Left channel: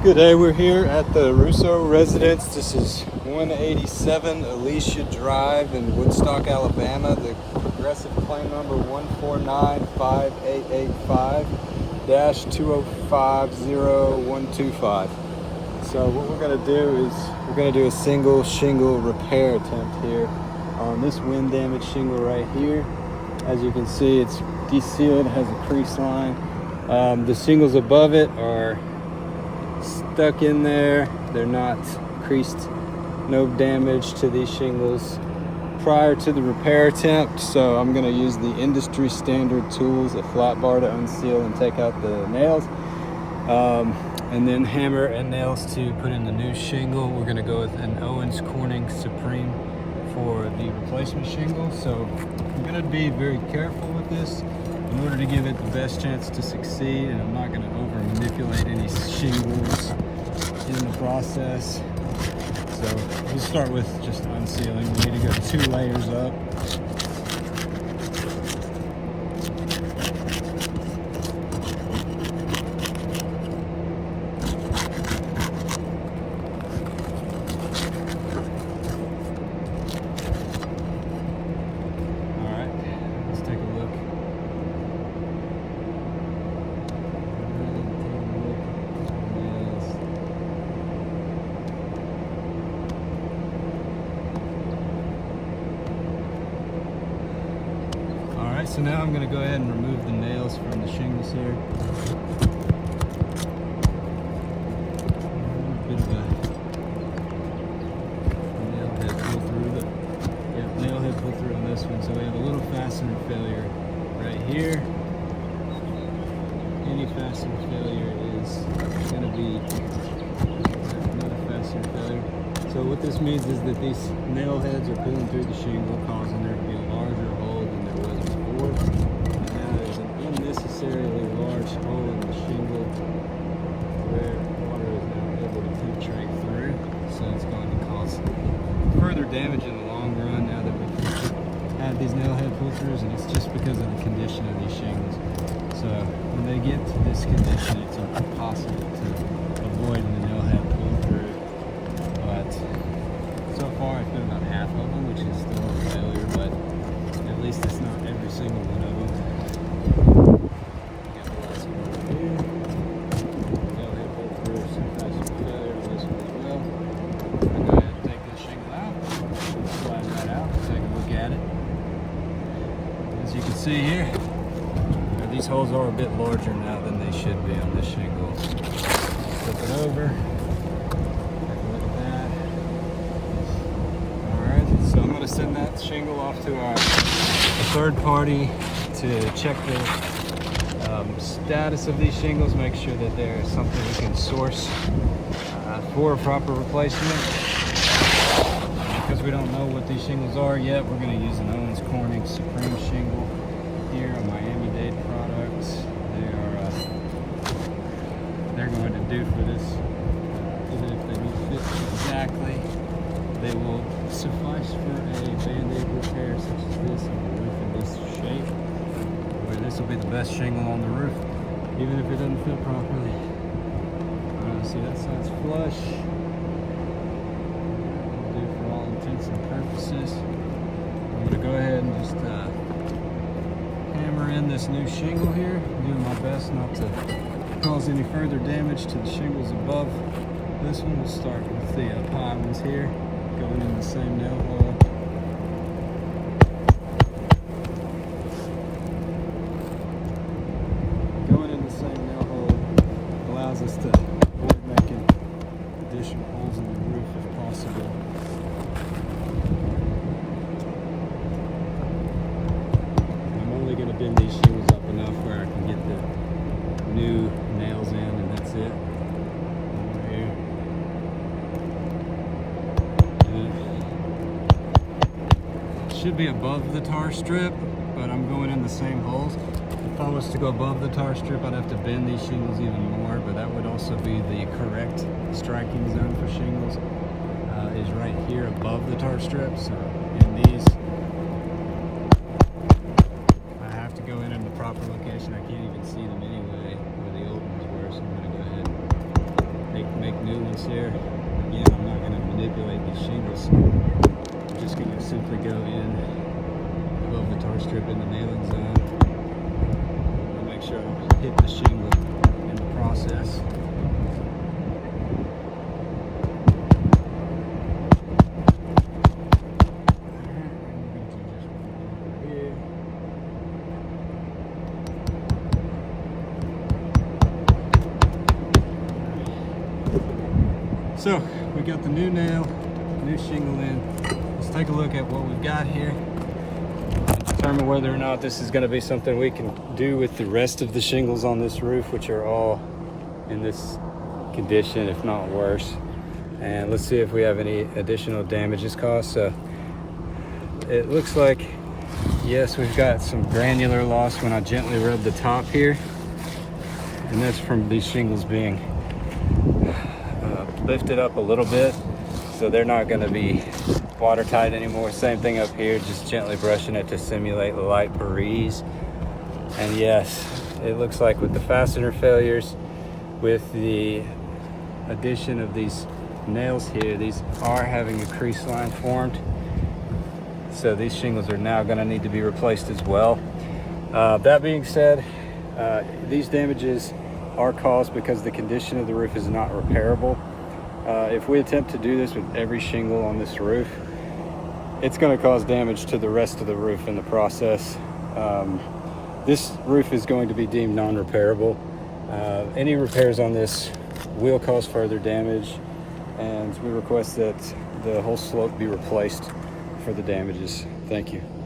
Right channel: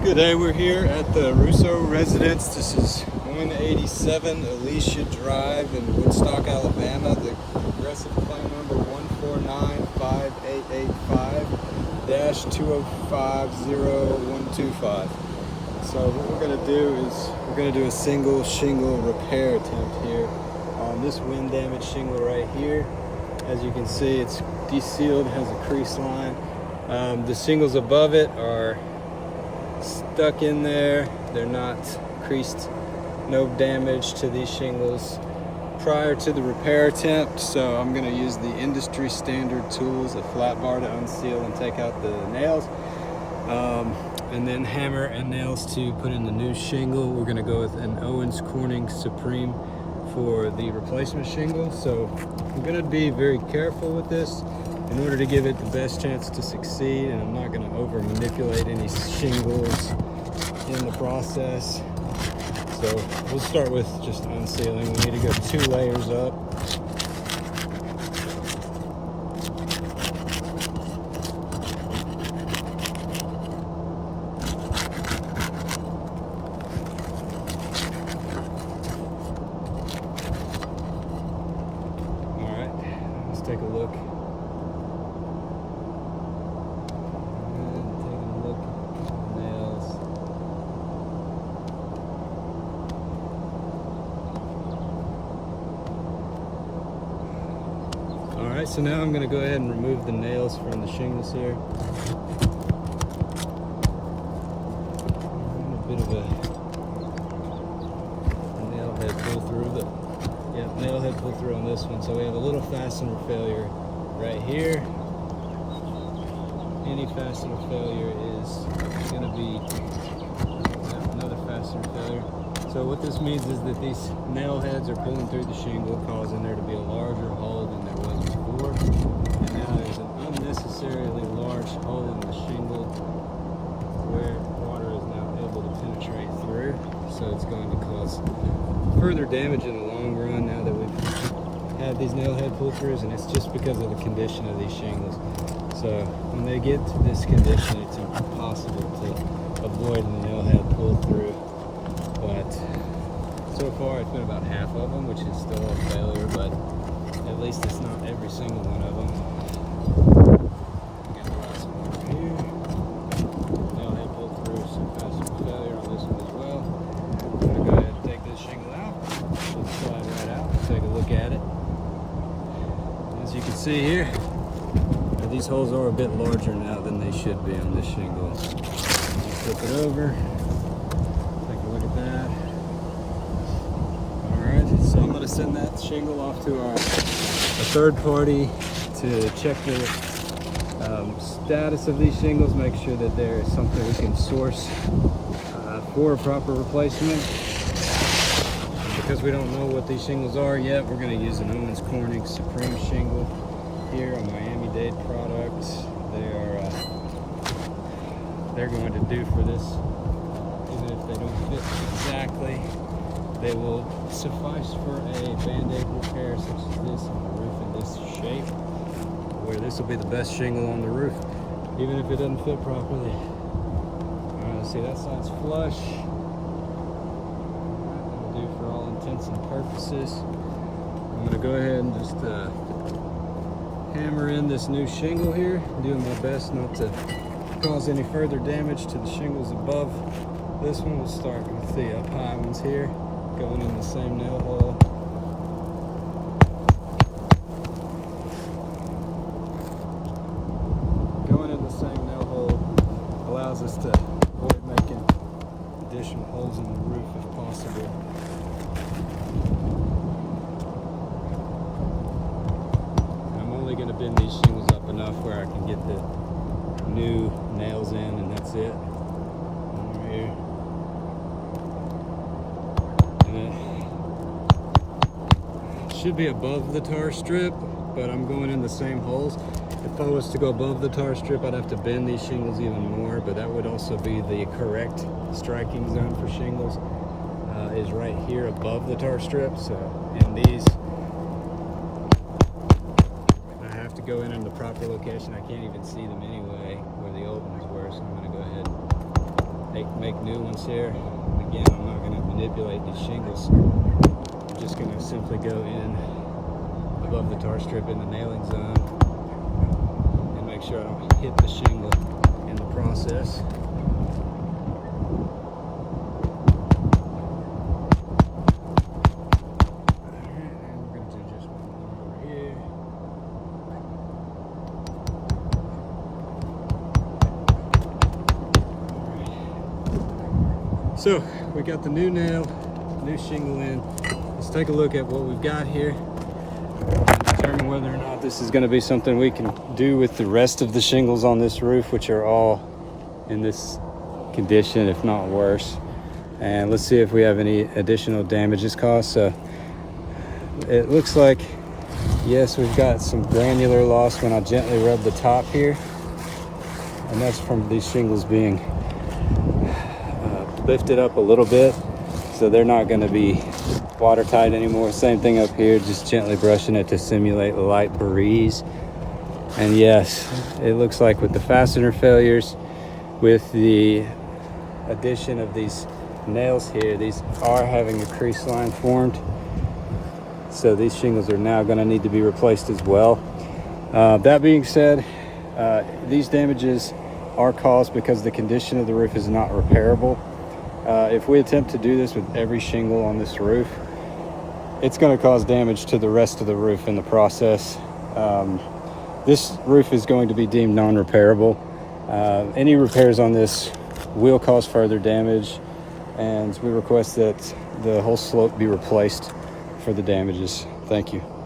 Good day, we're here at the Russo residence. This is 187 Alicia Drive in Woodstock, Alabama. The progressive claim number 1495885-2050125. So what we're going to do is we're going to do a single shingle repair attempt here on this wind damaged shingle right here. As you can see, it's desealed, has a crease line. The shingles above it are stuck in there. They're not creased, no damage to these shingles prior to the repair attempt. So I'm going to use the industry standard tools, a flat bar to unseal and take out the nails, and then hammer and nails to put in the new shingle. We're going to go with an Owens Corning Supreme for the replacement shingle. So I'm going to be very careful with this in order to give it the best chance to succeed, and I'm not going to over manipulate any shingles in the process. So we'll start with just unsealing. We need to go 2 layers up. All right, let's take a look. Alright, so now I'm going to go ahead and remove the nails from the shingles here. A bit of a nail head pull through, nail head pull through on this one. So we have a little fastener failure right here. Any fastener failure is going to be another fastener failure. So what this means is that these nail heads are pulling through the shingle, causing there to be a larger hole than there was before. And now there's an unnecessarily large hole in the shingle where water is now able to penetrate through. So it's going to cause further damage in the long run now that we've had these nail head pull-throughs, and it's just because of the condition of these shingles. So when they get to this condition, it's impossible to avoid the nail head pull-through. But so far it's been about half of them, which is still a failure, but at least it's not every single one of them. Got the last one here. Nail head pull-through, some fastener failure on this one as well. We're going to go ahead and take this shingle out, slide that out, take a look at it. As you can see here, these holes are a bit larger now than they should be on this shingle. Flip it over. Send that shingle off to our third party to check the status of these shingles, make sure that there's something we can source for a proper replacement. Because we don't know what these shingles are yet, we're going to use an Owens Corning Supreme shingle here, a Miami-Dade product. They're going to do for this, even if they don't fit exactly. They will suffice for a band-aid repair such as this on the roof in this shape, where this will be the best shingle on the roof, even if it doesn't fit properly. See, that side's flush. That'll do for all intents and purposes. I'm going to go ahead and just hammer in this new shingle here, doing my best not to cause any further damage to the shingles above. This one will start with the high ones here, going in the same nail hole. Going in the same nail hole allows us to avoid making additional holes in the roof if possible. And I'm only going to bend these shingles up enough where I can get the new nails in, and that's it. Over here. Should be above the tar strip, but I'm going in the same holes. If I was to go above the tar strip, I'd have to bend these shingles even more, but that would also be the correct striking zone for shingles, is right here above the tar strip. So in these, I have to go in the proper location. I can't even see them anyway where the old ones were, so I'm going to go ahead and take new ones here. Again, I'm not going to manipulate these shingles. I'm just going to simply go in above the tar strip in the nailing zone and make sure I don't hit the shingle in the process. So we got the new nail, new shingle in. Let's take a look at what we've got here and determine whether or not this is going to be something we can do with the rest of the shingles on this roof, which are all in this condition, if not worse. And let's see if we have any additional damages caused. So it looks like, yes, we've got some granular loss when I gently rub the top here, and that's from these shingles being lifted up a little bit, so they're not going to be watertight anymore. Same thing up here, just gently brushing it to simulate a light breeze. And yes, it looks like with the fastener failures, with the addition of these nails here, these are having a crease line formed, so these shingles are now going to need to be replaced as well. That being said, these damages are caused because the condition of the roof is not repairable. If we attempt to do this with every shingle on this roof, it's going to cause damage to the rest of the roof in the process. This roof is going to be deemed non-repairable. Any repairs on this will cause further damage, and we request that the whole slope be replaced for the damages. Thank you.